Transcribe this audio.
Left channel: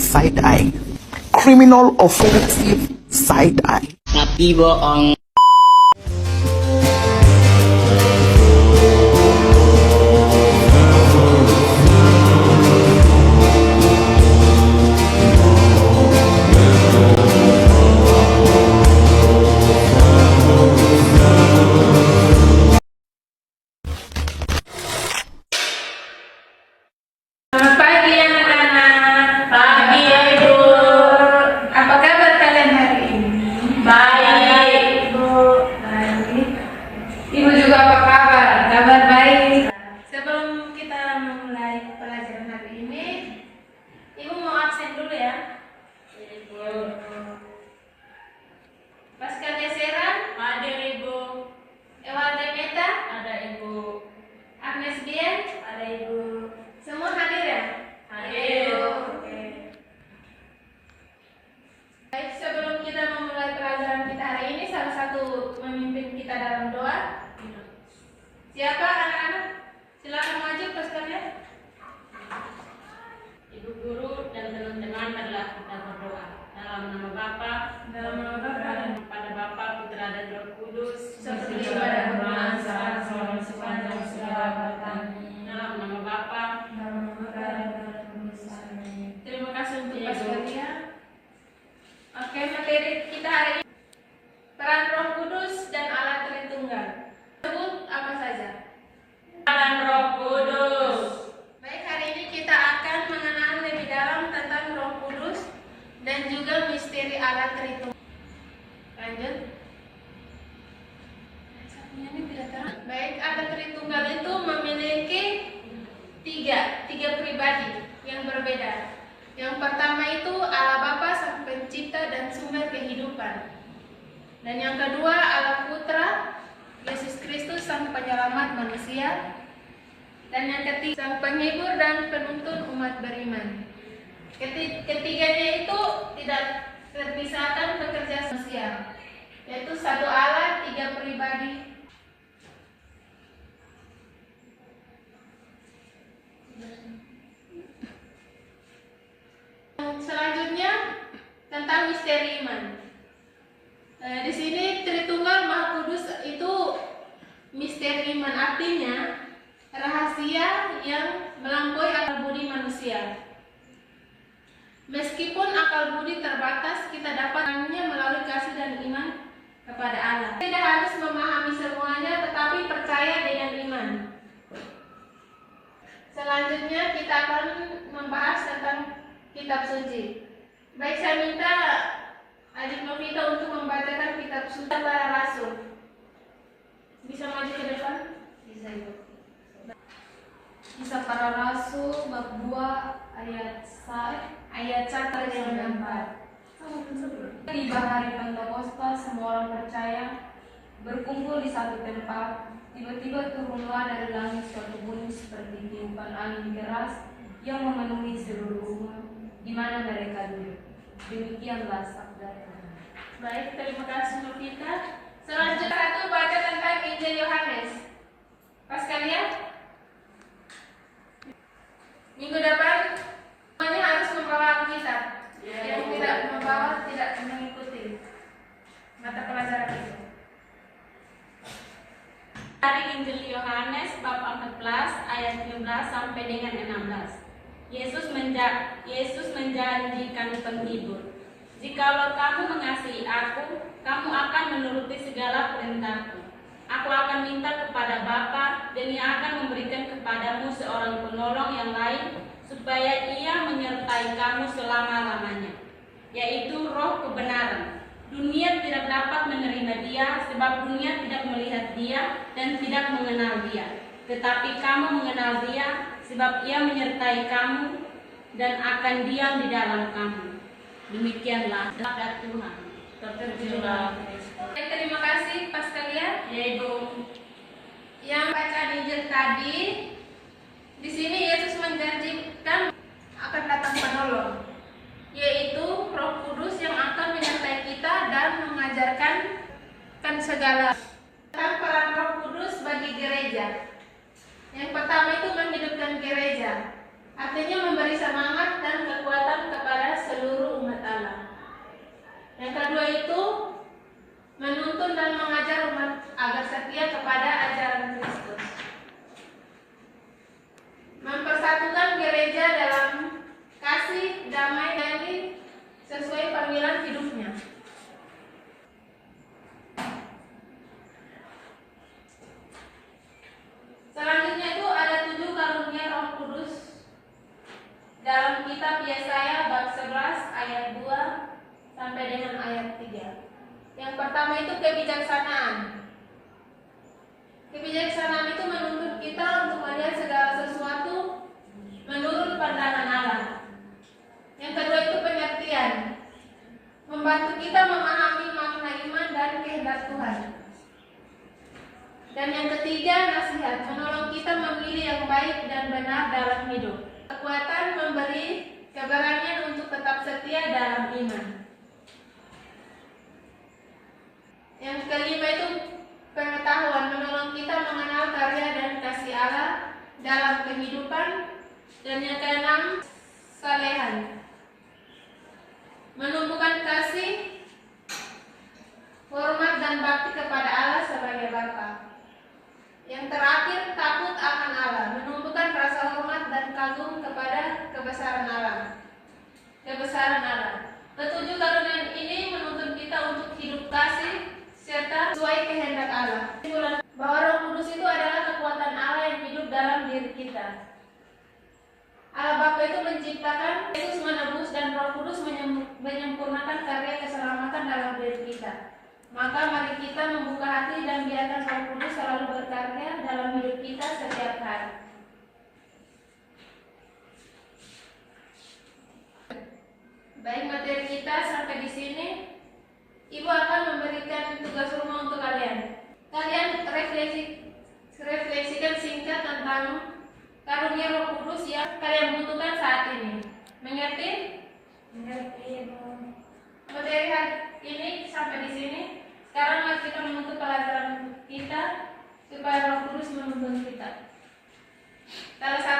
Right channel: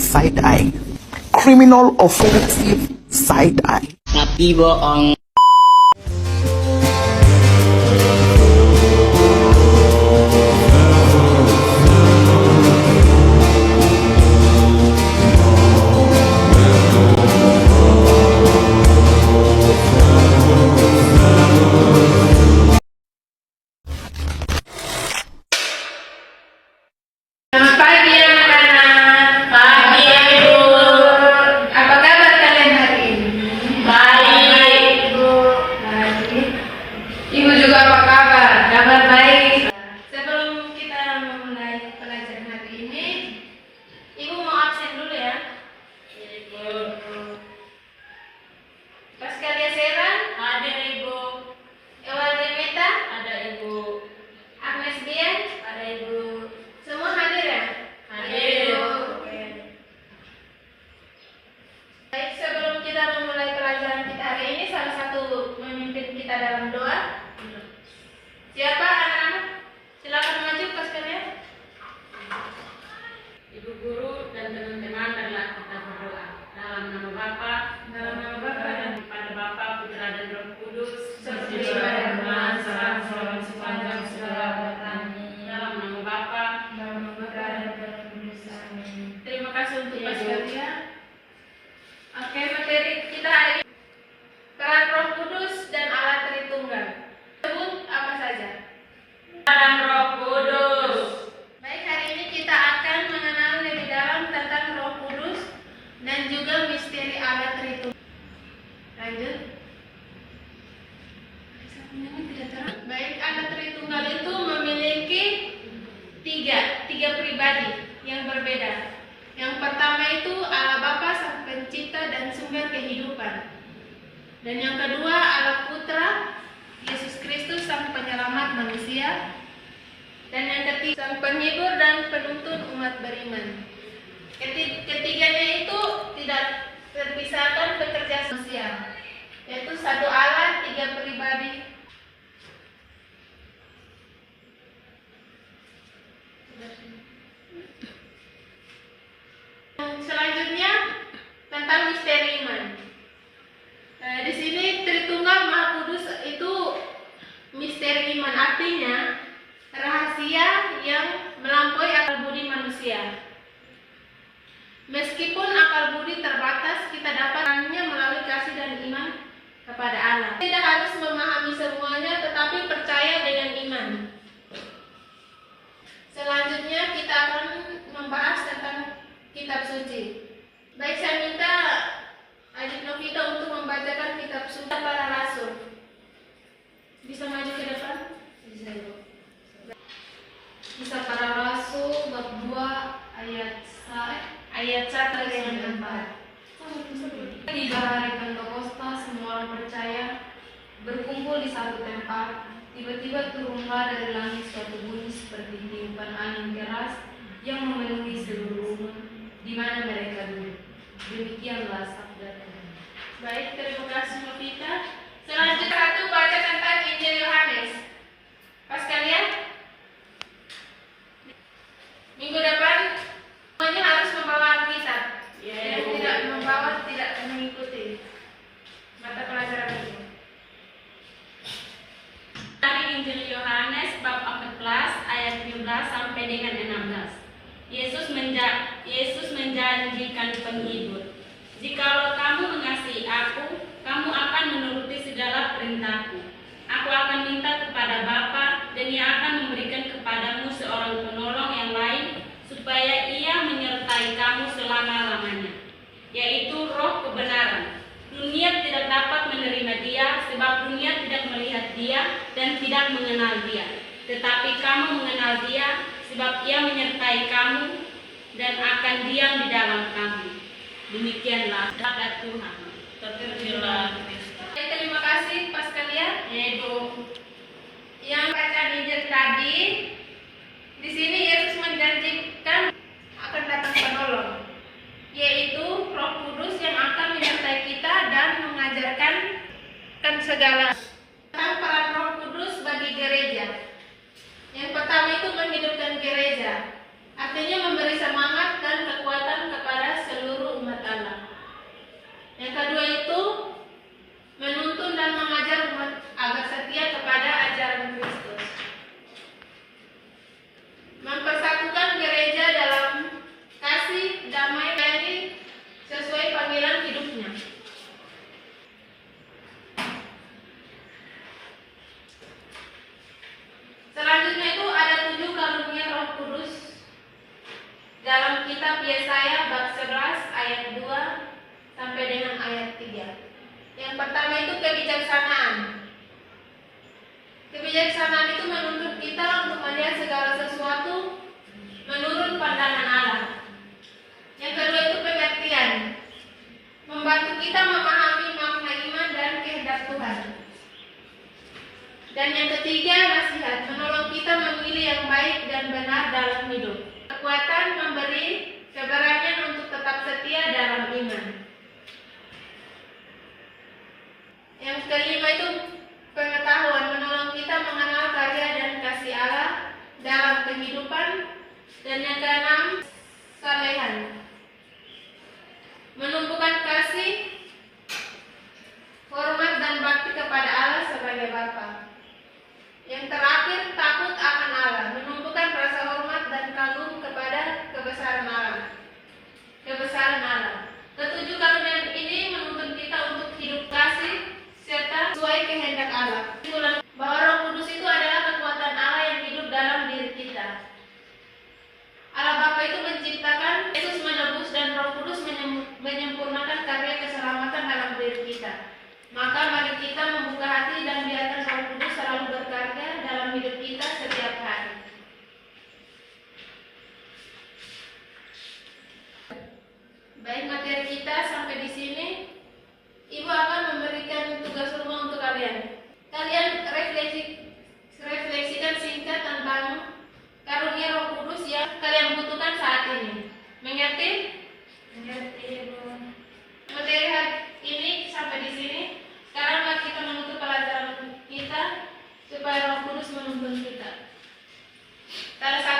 side eye. Criminal offensive side eye. Tapi bohong. Selamat pagi anak-anak. Pagi Ibu. Apa kabar kalian hari ini? Baik Ibu. Baik. Ibu juga apa kabar? Kabar baik. Sebelum kita memulai pelajaran hari ini, Ibu mau absen dulu ya. Ibu. Pascalia Seran? Ada Ibu. Ewal Demeta? Ada Ibu. Agnes Dian? Ada Ibu. Semua hadir ya? Hadir. Oke. Baik, sebelum kita memulai pelajaran kita hari ini, salah satu memimpin kita dalam doa. Siapa anak-anak? Silakan maju pas kalian. Ibu guru dan teman-teman adalah kita berdoa dalam nama Bapa, Dalam nama Bapa dan kepada Bapa, Putra dan Roh Kudus, seperti pada permulaan, sekarang, selalu, sepanjang segala abad. dalam nama Bapa. Dalam nama Bapa dan Roh Kudus. Amin. Terima kasih untuk pas kalian. Oke, materi kita hari ini peran Roh Kudus dan Allah Tritunggal. Sebut apa saja? Dan Roh Kudus. Baik, hari ini kita akan mengenal lebih dalam tentang Roh Kudus dan juga misteri Allah Tritunggal. Lanjut. Baik, Allah Tritunggal itu memiliki tiga pribadi yang berbeda. Yang pertama itu Allah Bapa sang pencipta dan sumber kehidupan. Dan yang kedua Allah Putra Yesus Kristus sang penyelamat manusia. Dan yang ketiga sang penghibur dan penuntun umat beriman. Ketiganya itu tidak terpisahkan bekerja manusia, yaitu satu Allah, tiga pribadi. Selanjutnya tentang misteri iman. Di sini Tritunggal Maha Kudus itu misteri iman, artinya rahasia yang melampaui akal budi manusia. Meskipun akal budi terbatas, kita dapatkannya melalui kasih dan iman kepada Allah. Tidak harus memahami semuanya, tetapi percaya dengan iman. Selanjutnya kita akan membahas tentang kitab suci. Baik, saya minta Adik Novita untuk membacakan kitab suci para rasul. Bisa maju ke depan? Bisa, Ibu. Kisah para Rasul bab 2 ayat 1 sampai 4. Di hari Pentakosta semua orang percaya berkumpul di satu tempat. Tiba-tiba turunlah dari langit suatu bunyi seperti tiupan angin keras yang memenuhi seluruh rumah di mana mereka duduk. Demikianlah sabda Tuhan. Baik, terima kasih Novita. Selanjutnya satu baca tentang Injil Yohanes. Pas kalian? Minggu depan semuanya harus membawa Alkitab. Yang tidak membawa tidak mengikuti mata pelajaran ini. Dari Injil Yohanes bab 14 ayat 17 sampai dengan 16. Yesus menjanjikan penghibur. Jikalau kamu mengasihi aku, kamu akan menuruti segala perintahku. Aku akan minta kepada Bapa, dan Ia akan memberikan kepadamu seorang penolong yang lain, supaya Ia menyertai kamu selama-lamanya, yaitu Roh kebenaran. Dunia tidak dapat menerima Dia, sebab dunia tidak melihat Dia dan tidak mengenal Dia. Tetapi kamu mengenal Dia, sebab Ia menyertai kamu dan akan diam di dalam kamu. Demikianlah sabda Tuhan. Terpujilah Kristus. Terima kasih pas kalian. Ibu. Yang bacaan Injil tadi, di sini Yesus menjanjikan akan datang penolong, yaitu Roh Kudus yang akan menyertai kita dan mengajarkan segala tentang peran Roh Kudus bagi gereja. Yang pertama itu menghidupkan gereja, artinya memberi semangat dan kekuatan kepada Alkitab Yesaya bab 11 ayat 2 sampai dengan ayat 3. Yang pertama itu kebijaksanaan. Kebijaksanaan itu menuntut kita untuk melihat segala sesuatu menurut pandangan Allah. Yang kedua itu pengertian, membantu kita memahami makna iman dan kehendak Tuhan. Dan yang ketiga, nasihat, menolong kita memilih yang baik dan benar dalam hidup. Kekuatan memberi keberanian untuk tetap setia dalam iman. Yang kelima itu pengetahuan, menolong kita mengenal karya dan kasih Allah dalam kehidupan. Dan yang keenam, salehan, menumbuhkan kasih, hormat dan bakti kepada Allah sebagai Bapa. Yang terakhir, takut akan Allah, menumbuhkan rasa hormat dan kagum kepada kebesaran Allah. Ketujuh karunia ini menuntut kita untuk hidup kasih serta sesuai kehendak Allah. Bahwa Roh Kudus itu adalah kekuatan Allah yang hidup dalam diri kita. Allah Bapa itu menciptakan, Yesus menebus, dan Roh Kudus menyempurnakan karya keselamatan dalam diri kita. Maka mari kita membuka hati dan biarkan Roh Kudus selalu berkarya dalam hidup kita setiap hari. Baik, materi kita sampai di sini. Ibu akan memberikan tugas rumah untuk kalian. Kalian refleksikan singkat tentang karunia Roh Kudus yang kalian butuhkan saat ini. Mengerti? Mengerti, Bu. Materi hari ini sampai di sini. Sekarang mari kita menutup pelajaran kita supaya Roh Kudus menuntun kita. Salah satu